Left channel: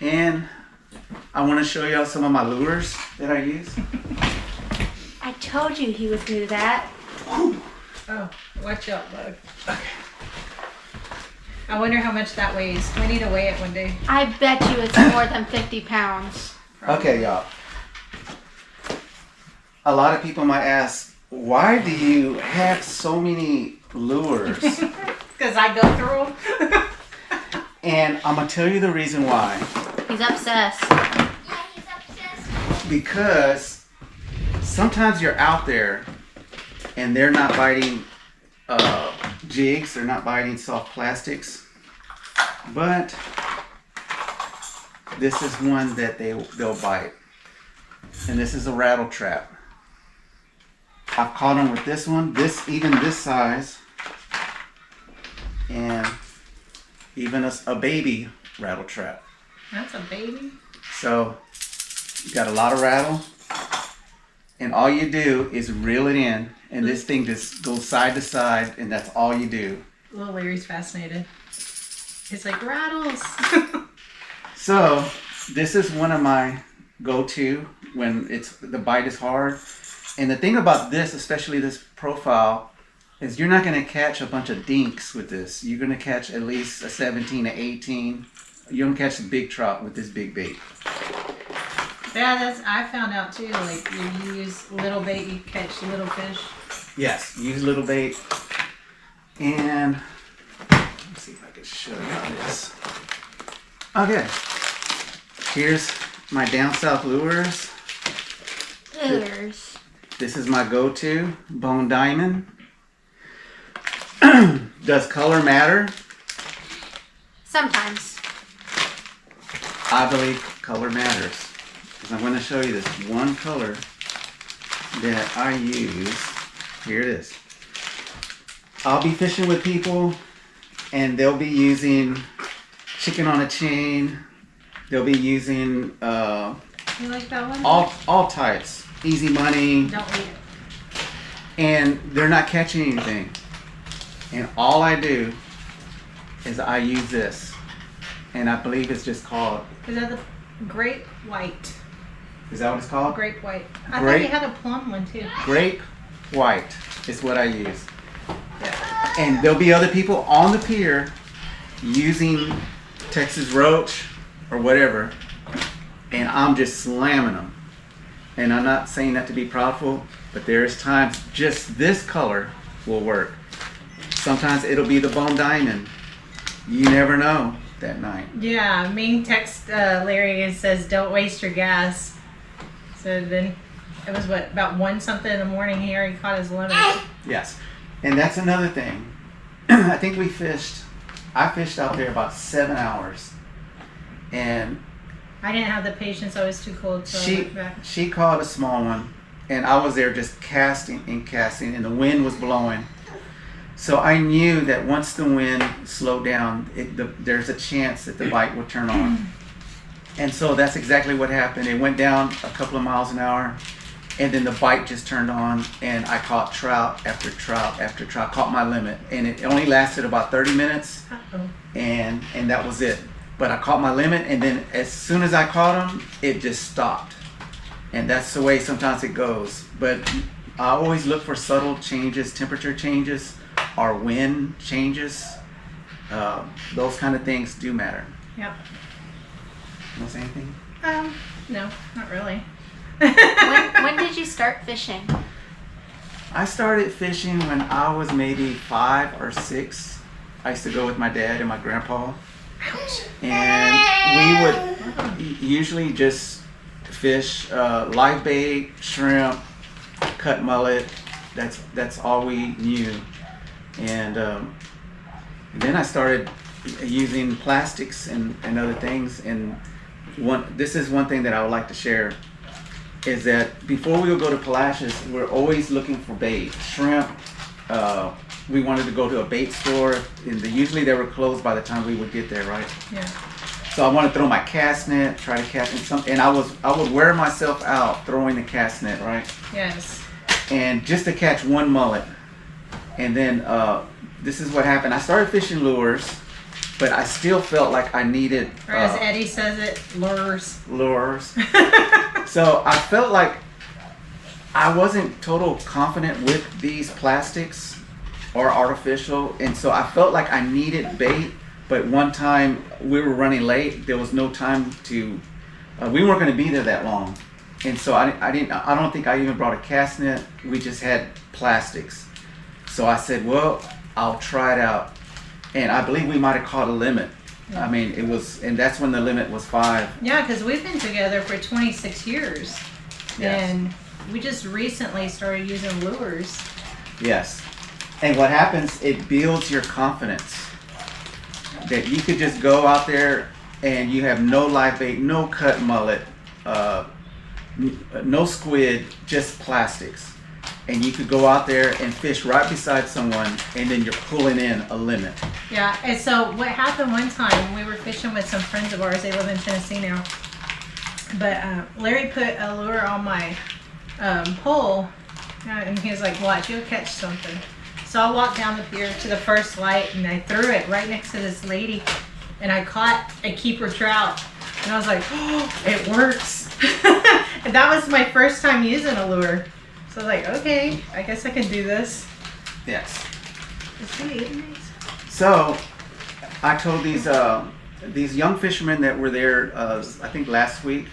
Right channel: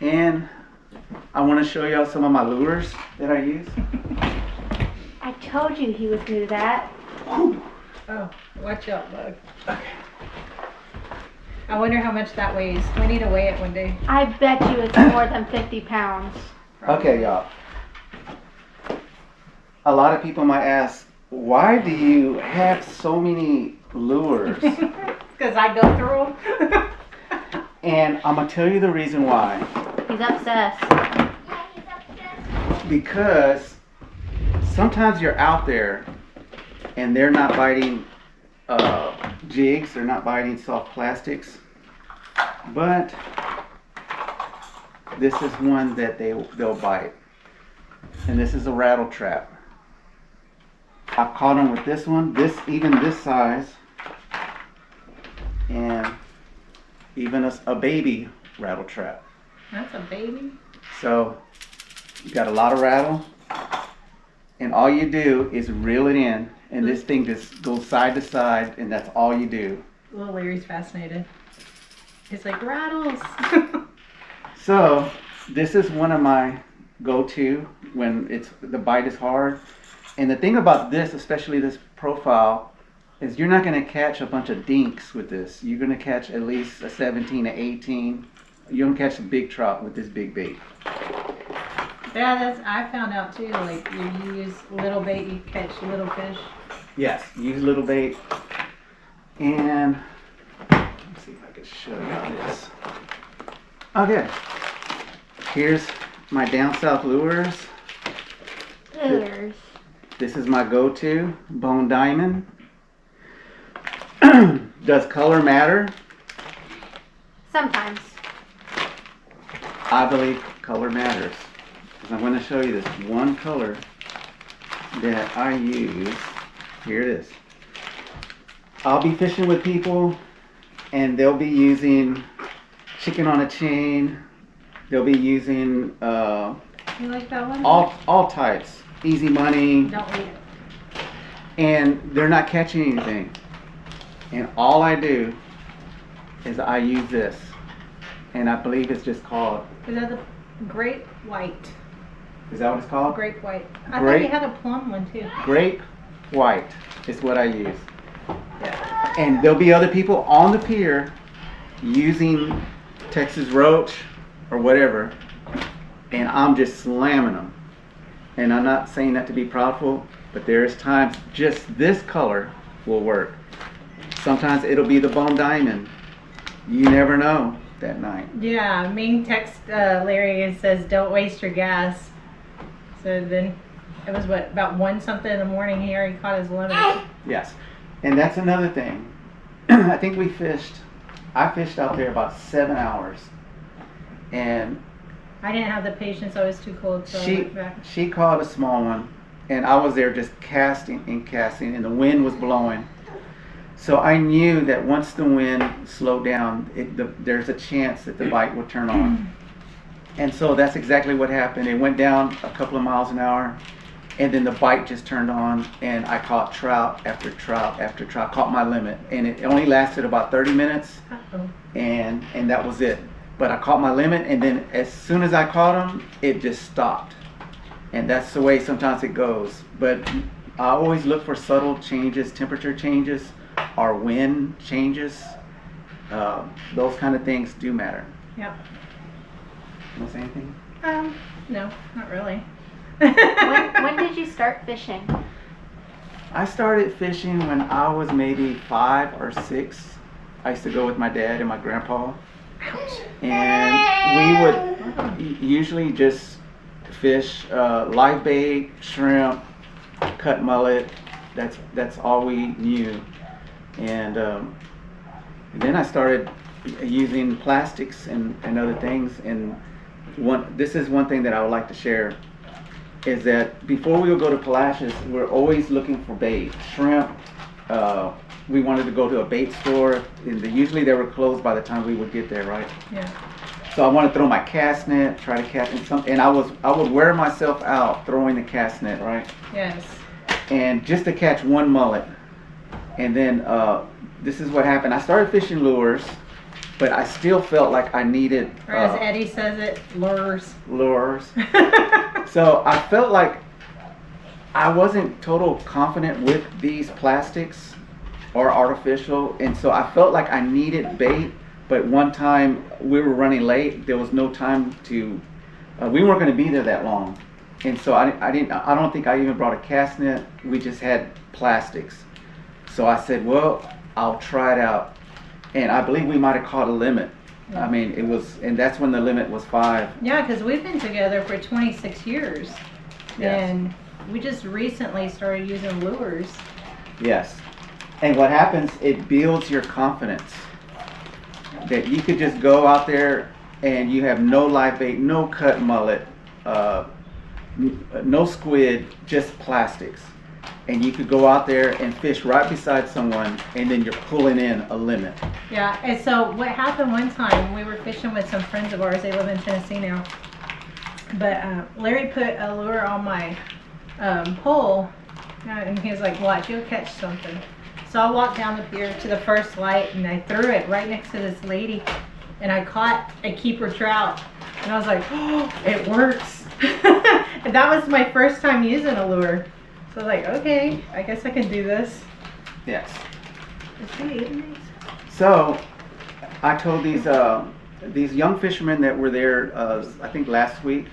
And I want to show y'all some of my lures that I use. I told you he would do that. Oh, watch out, bug. Okay. I wonder how much that weighs. We need to weigh it one day. I bet you it's more than 50 pounds. Okay, y'all. A lot of people might ask, why do you have so many lures? Because I go through them. And I'm going to tell you the reason why. He's obsessed. Because sometimes you're out there and they're not biting jigs, they're not biting soft plastics, but this is one that they'll bite, and this is a rattle trap. I've caught them with this one, even this size, and even a baby rattle trap. That's a baby. So you got a lot of rattle, and all you do is reel it in, and this thing just goes side to side, and that's all you do. Little Larry's fascinated. He's like, rattles. So this is one of my go-to when the bite is hard. And the thing about this, especially this profile, is you're not going to catch a bunch of dinks with this. You're going to catch at least a 17, an 18. You're going to catch a big trout with this big bait. Yeah, I found out too. Like you use little bait, you catch little fish. Yes, use little bait. And let's see if I can show you this. Okay, here's my down south lures. Lures. This is my go-to bone diamond. Does color matter? Sometimes. I believe color matters. I'm going to show you this one color that I use. Here it is. I'll be fishing with people and they'll be using chicken on a chain. They'll be using You like that one? all types. Easy money. Don't eat it. And they're not catching anything. And all I do is I use this. And I believe it's just called. Is that the grape white? Is that what it's called? Grape white. I Grape- thought you had a plum one too. Grape white is what I use. Yeah. And there'll be other people on the pier using Texas roach or whatever, and I'm just slamming them. And I'm not saying that to be proudful, but there's times just this color will work. Sometimes it'll be the bone diamond. You never know that night. Yeah, me text Larry and says, don't waste your gas. So then it was about 1 something in the morning. He already caught his limit. Yes. And that's another thing. I think I fished out there about 7 hours. And I didn't have the patience. I was too cold, so I went back. she caught a small one, and I was there just casting, and the wind was blowing. So I knew that once the wind slowed down, there's a chance that the bite would turn on. And so that's exactly what happened. It went down a couple of miles an hour, and then the bite just turned on, and I caught trout after trout after trout, caught my limit. And it only lasted about 30 minutes, Uh-oh. and that was it. But I caught my limit, and then as soon as I caught them, it just stopped. And that's the way sometimes it goes. But I always look for subtle changes, temperature changes, or wind changes. Those kind of things do matter. Yep. You want to say anything? No, not really. When did you start fishing? I started fishing when I was maybe 5 or 6. I used to go with my dad and my grandpa. And we would usually just fish live bait, shrimp, cut mullet. That's all we knew. And then I started using plastics and other things. And this is one thing that I would like to share, is that before we would go to Palacios, we're always looking for bait, shrimp. We wanted to go to a bait store, and usually they were closed by the time we would get there, right? Yeah. So I wanted to throw my cast net, try to catch and I would wear myself out throwing the cast net, right? Yes. And just to catch one mullet. And then this is what happened. I started fishing lures, but I still felt like I needed Or as Eddie says it, lures. lures. So I felt like I wasn't total confident with these plastics or artificial, and so I felt like I needed bait. But one time we were running late. There was no time to. We weren't going to be there that long, and so I don't think I even brought a cast net. We just had plastics. So I said, well, I'll try it out, and I believe we might have caught a limit. Yeah. I mean, it was, and that's when the limit was 5. Yeah, because we've been together for 26 years. Yes. And we just recently started using lures. Yes. And what happens, it builds your confidence that you could just go out there and you have no live bait, no cut mullet, no squid, just plastics. And you could go out there and fish right beside someone, and then you're pulling in a limit. Yeah, and so what happened one time, we were fishing with some friends of ours. They live in Tennessee now. But Larry put a lure on my pole, and he was like, watch, you'll catch something. So I walked down the pier to the first light, and I threw it right next to this lady, and I caught a keeper trout. And I was like, oh, it works. And that was my first time using a lure. So I was like, okay, I guess I can do this. Yes. Is he eating these? So I told these young fishermen that were there, I think last week,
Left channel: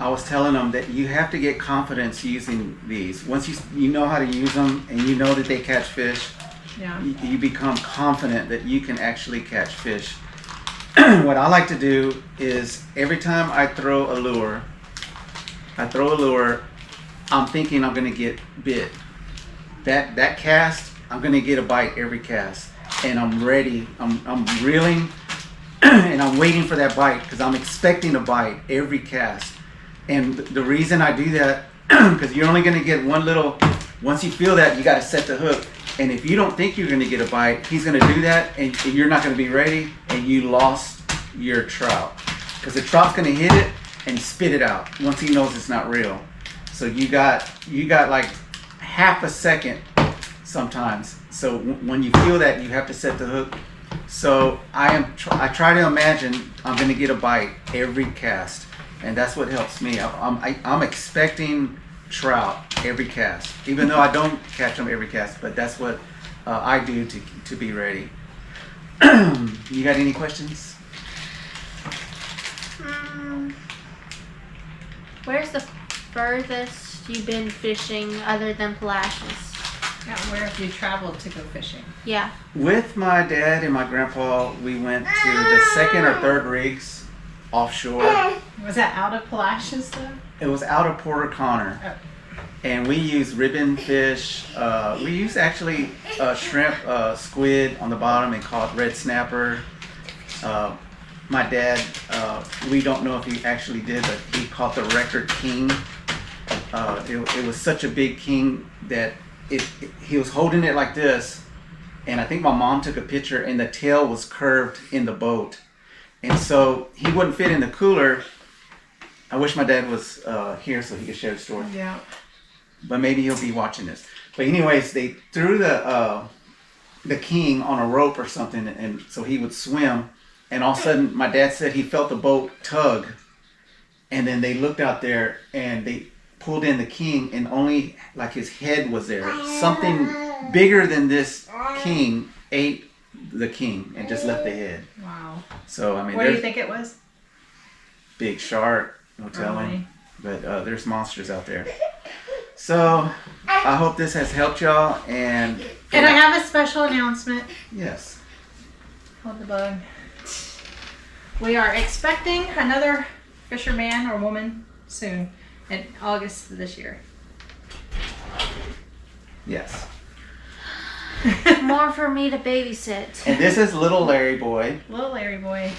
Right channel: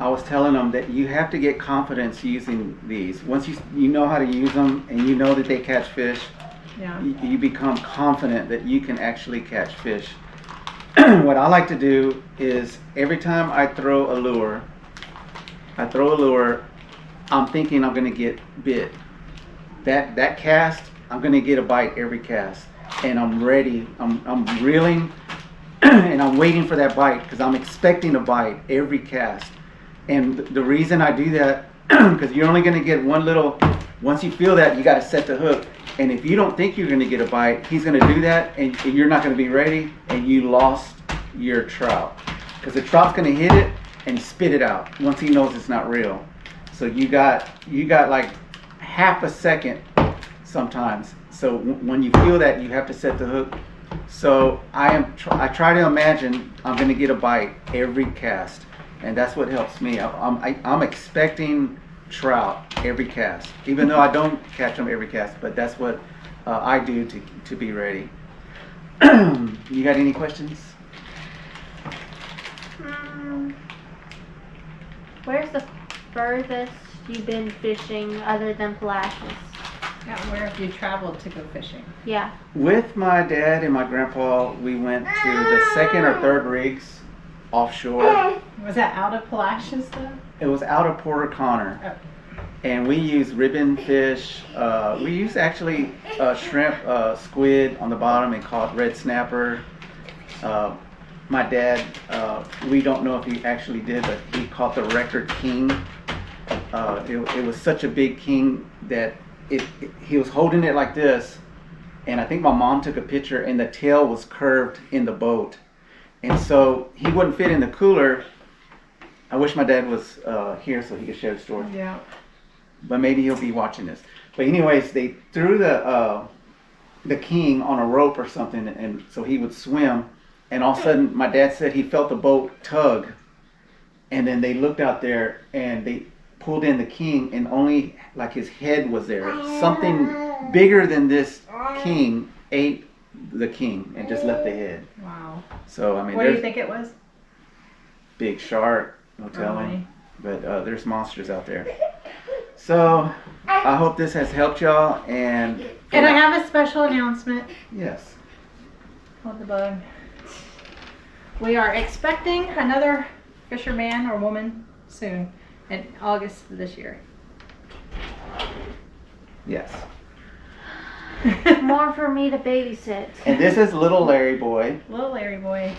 I was telling them that you have to get confidence using these. Once you know how to use them and you know that they catch fish, Yeah. you become confident that you can actually catch fish. What I like to do is every time I throw a lure, I'm thinking I'm gonna get bit. That cast, I'm gonna get a bite every cast, and I'm ready. I'm reeling, and I'm waiting for that bite because I'm expecting a bite every cast. And the reason I do that, because you're only gonna get one little. Once you feel that, you got to set the hook. And if you don't think you're gonna get a bite, he's gonna do that, and you're not gonna be ready, and you lost your trout because the trout's gonna hit it and spit it out once he knows it's not real. So you got like half a second sometimes. So when you feel that, you have to set the hook. So I try to imagine I'm going to get a bite every cast, and that's what helps me. I'm expecting trout every cast, even though I don't catch them every cast. But that's what I do to be ready. You got any questions? Where's the furthest you've been fishing other than Palacios? Yeah, where have you traveled to go fishing? Yeah. With my dad and my grandpa, we went to the 2nd or 3rd rigs offshore. Was that out of Palacios though? It was out of Port O'Connor. Oh. And we used ribbon fish. We used actually shrimp, squid on the bottom, and caught red snapper. My dad, we don't know if he actually did, but he caught the record king. It was such a big king that he was holding it like this, and I think my mom took a picture, and the tail was curved in the boat, and so he wouldn't fit in the cooler. I wish my dad was here so he could share the story. Yeah. But maybe he'll be watching this. But anyways, they threw the king on a rope or something, and so he would swim. And all of a sudden, my dad said he felt the boat tug, and then they looked out there and they pulled in the king, and only like his head was there. Something bigger than this king ate the king and just left the head. Wow. So I mean, What do you think it was? big shark, no telling. Really? But there's monsters out there. So I hope this has helped y'all. And And I have a special announcement. yes. Hold the bug. We are expecting another fisherman or woman soon in August of this year. Yes. More for me to babysit. And this is little Larry boy. Little Larry boy.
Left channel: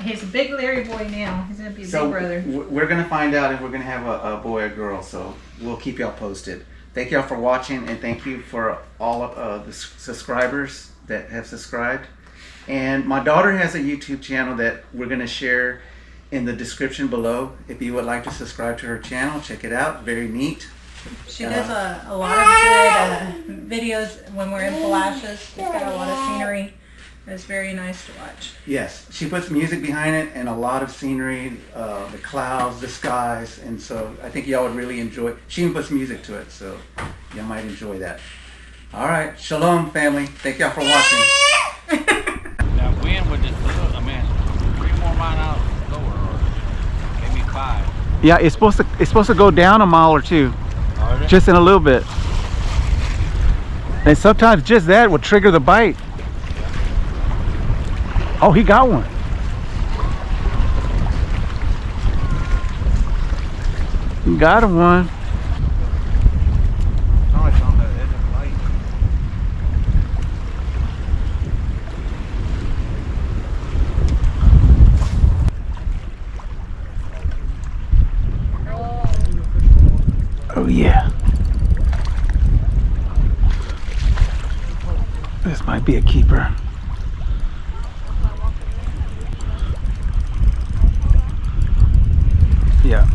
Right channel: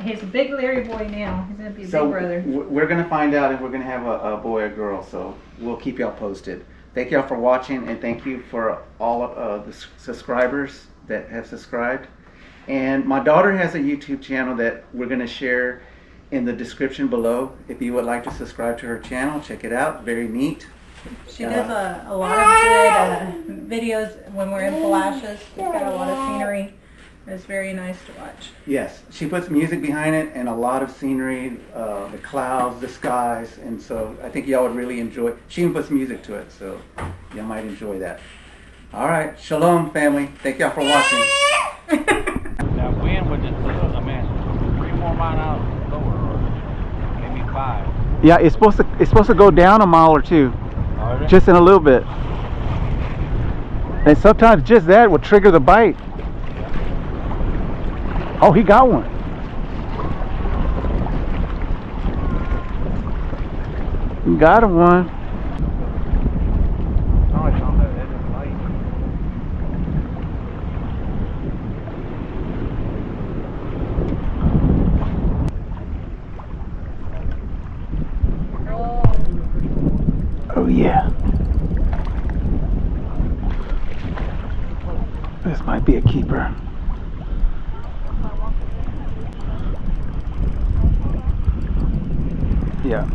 He's a big Larry boy now. He's going to be a So big brother. we're going to find out if we're going to have a boy or girl. So we'll keep y'all posted. Thank y'all for watching, and thank you for all of the subscribers that have subscribed. And my daughter has a YouTube channel that we're going to share in the description below. If you would like to subscribe to her channel, check it out. Very neat. She does a lot of good videos when we're in Palacios. She's got a lot of scenery. It's very nice to watch. Yes, she puts music behind it and a lot of scenery, the clouds, the skies, and so I think y'all would really enjoy. She even puts music to it, so y'all might enjoy that. All right, shalom, family. Thank y'all for watching. That wind would just put, 3 more miles lower, or maybe 5. Yeah, it's supposed to go down a mile or two, just in a little bit. And sometimes just that will trigger the bite. Oh, he got one. He got him one. Oh, it's on the edge of the light. Oh yeah. This might be a keeper. Yeah.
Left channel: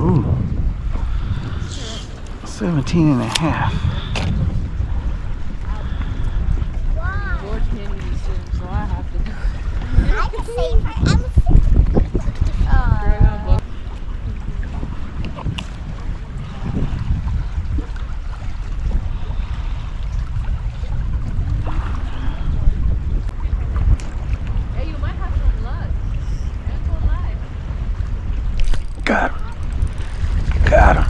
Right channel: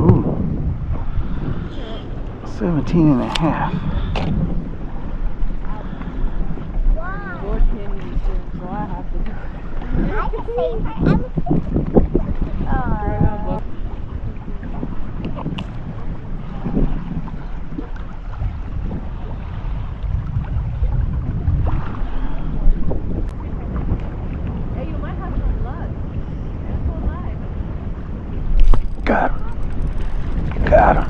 Ooh. 17 and a half. George can't eat soon, so I have to do it. I can save her. Hey, you might have some luck. Got him. Got him.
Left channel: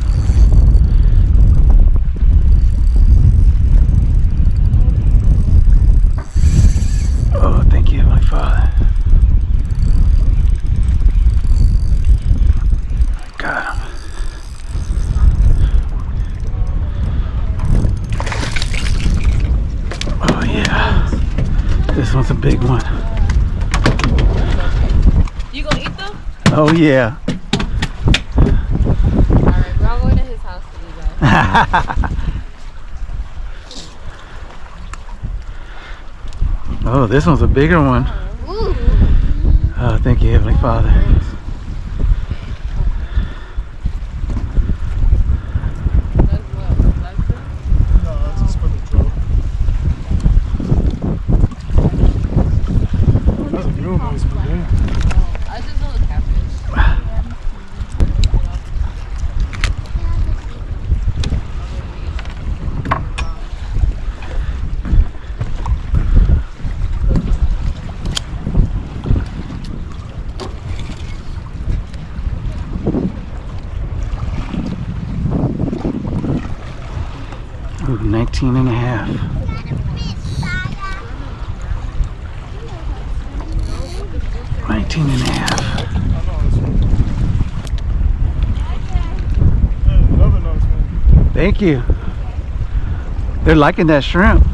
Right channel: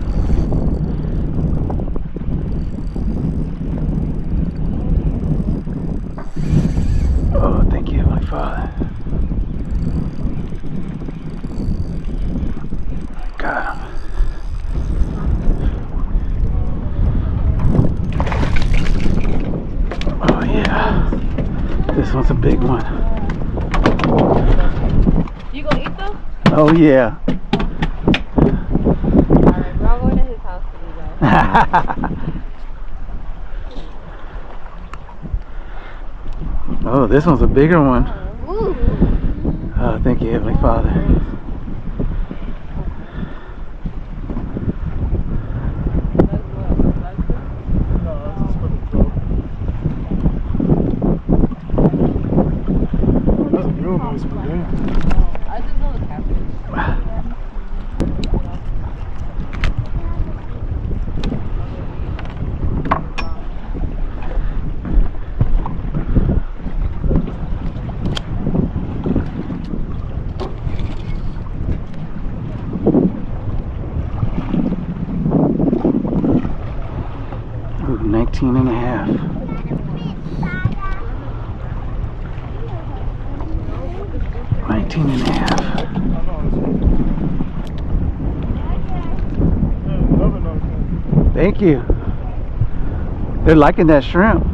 Oh, thank you, Heavenly Father. Got him. Oh yeah. This one's a big one. You gonna eat them? Oh yeah. Alright, we're all going to his house to do that. Oh, this one's a bigger one. Ooh. Oh, thank you, Heavenly Father. I just know the catfish. 19 and a half. And a half. Thank you. They're liking that shrimp.